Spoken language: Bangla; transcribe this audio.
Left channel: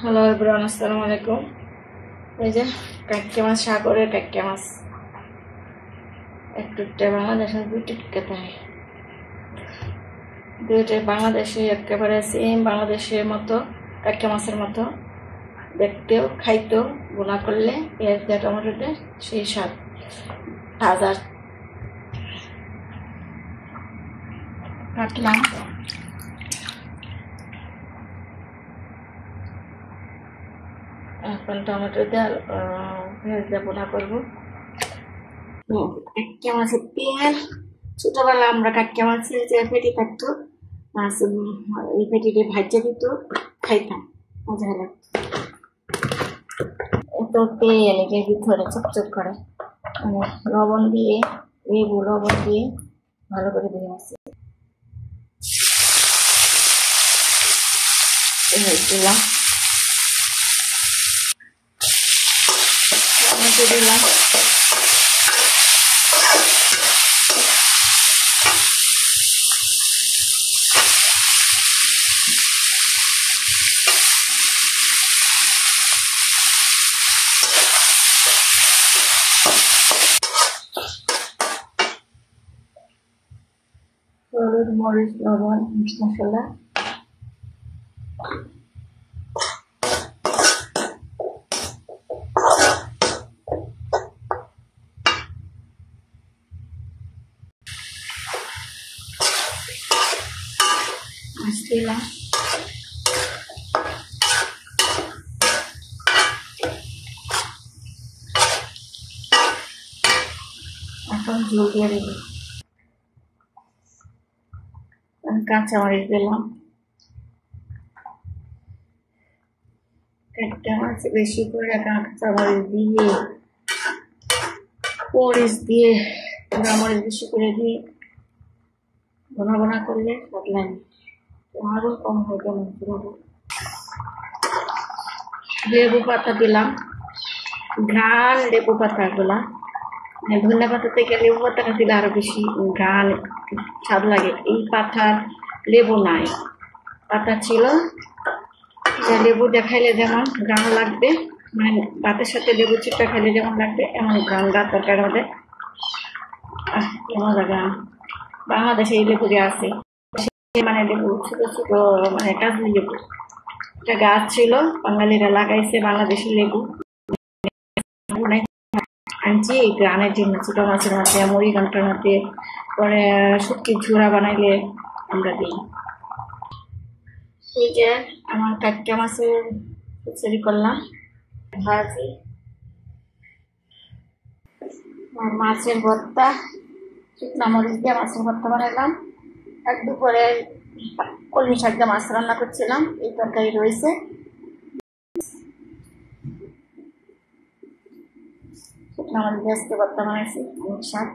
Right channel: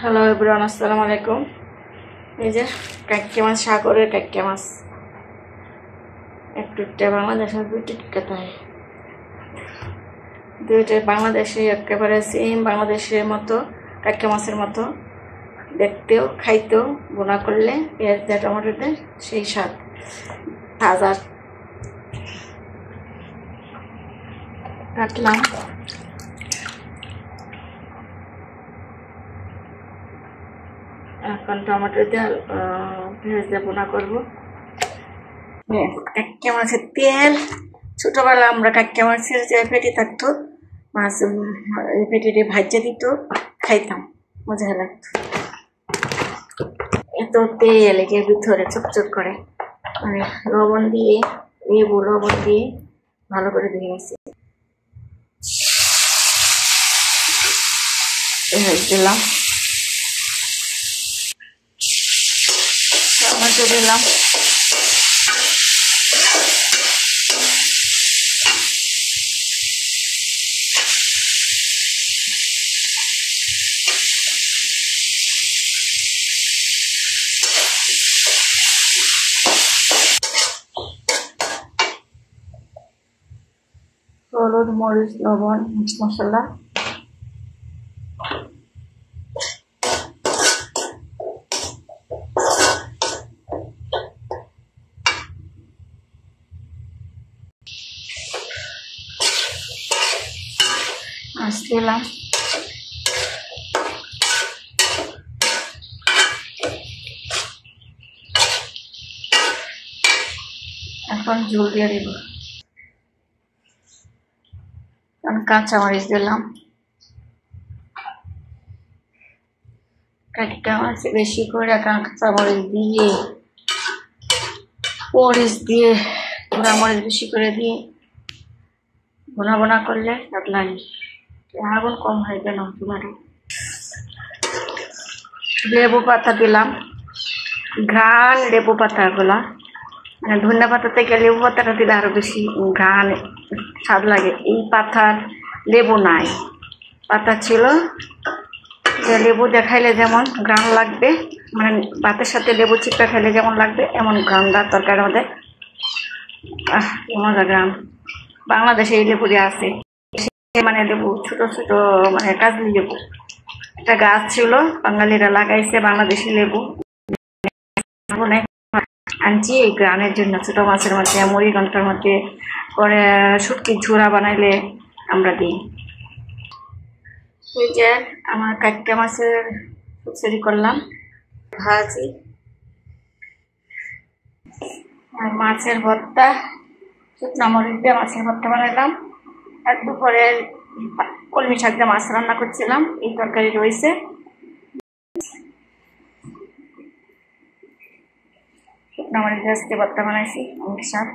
হ্যালো এভরিওয়ান, আসসালামু আলাইকুম। এই যে কাক্কে মাছ, সাগরের কাক্কে মাছ, একটু বাংলাদেশের দুইটা তাই দুইটাই বাংলাদেশে একেবারে সেম বাংলাদেশের মতো, কাক্কে মাছের মতো দেখতেও, খাইতেও, বোনা করলে পেঁয়াজ দিয়ে টমেটো দিয়ে সেই স্বাদ। তাজা কাটলাম, এখন টমেটো দিয়ে পেঁয়াজ দিয়ে বোনা করবো। কাক্কে মাছের তেল, ছোটবেলা আমরা কাক্কে মাছের যে পেটি থাকতো, মাছ এই পেটিটি ভাজা দিত, খাইতাম, মজা লাগতো। এত তেল এর ভিতরে চকচক করে, মানে লবণ দিয়ে, লেবু লবণ দিয়ে ভালো করে ধুয়ে নিচ্ছি। দিলাম টমেটো, দিলাম হলুদ, মরিচ, লবণ, মিক্স মশলা, মাছ দিলাম, এখন ঝোল দিয়ে দিব। কাঁচামরিচ দিলাম, কাটটা মাছ বেশি করে কাঁচামরিচ দিয়ে, মরিচ দিয়ে, পোড়া মরিচ বেশি করে দিয়ে বোনা বোনা করলে স্বাদ লাগে। আগুন কম হয় কেন চুলাটা। লেবু পাতা দিলাম, ঘ্রাণ লেবু পাতাগুলা, মানে ধনিয়া পাতা থেকে লেবু পাতাটা দিলে আরো বেশি ঘ্রাণ স্বাদ লাগে। এই পাতার লেবু নাই, পাতা ছিল যে লেবু দেখাইলে যেমন ঘ্রাণ লাগবে, মানে ভাতের সাথে লেবু চিপা খাইলে যেমন লাগবে এমন ঘ্রাণটা তরকারির মধ্যে। কি মজা ঘ্রাণ। বাংলাদেশে এই লেবু দিয়ে আছে, মানে লেবু ছোট ছোট, মানে কাজলি লেবু, একটা গাছ ছিল বাঙালিরা লাগাইছে, বাংলাদেশি লেবু আনছি এই গ্রানের জন্য। ছোট মাছের মধ্যে, মুড়ি ঘন্টার মধ্যে, পরে শুটকির ঝুড়া বানাইলে আমরা দিই। এই যে আমার কাক্কে মাছের খিচুড়ি করলাম, ভাজি আর মাছের ভর্তা, শুকনো মরিচ দিয়ে মাছের ভর্তা বানাইলাম। আর দুপুরে কলমি শাক দিয়ে মাছ রান্না করছিলাম, এই তরকারি রয়েছে। শুকনো মরিচ দিয়ে আজকে ভর্তা বানাইছি, অনেক স্বাদ।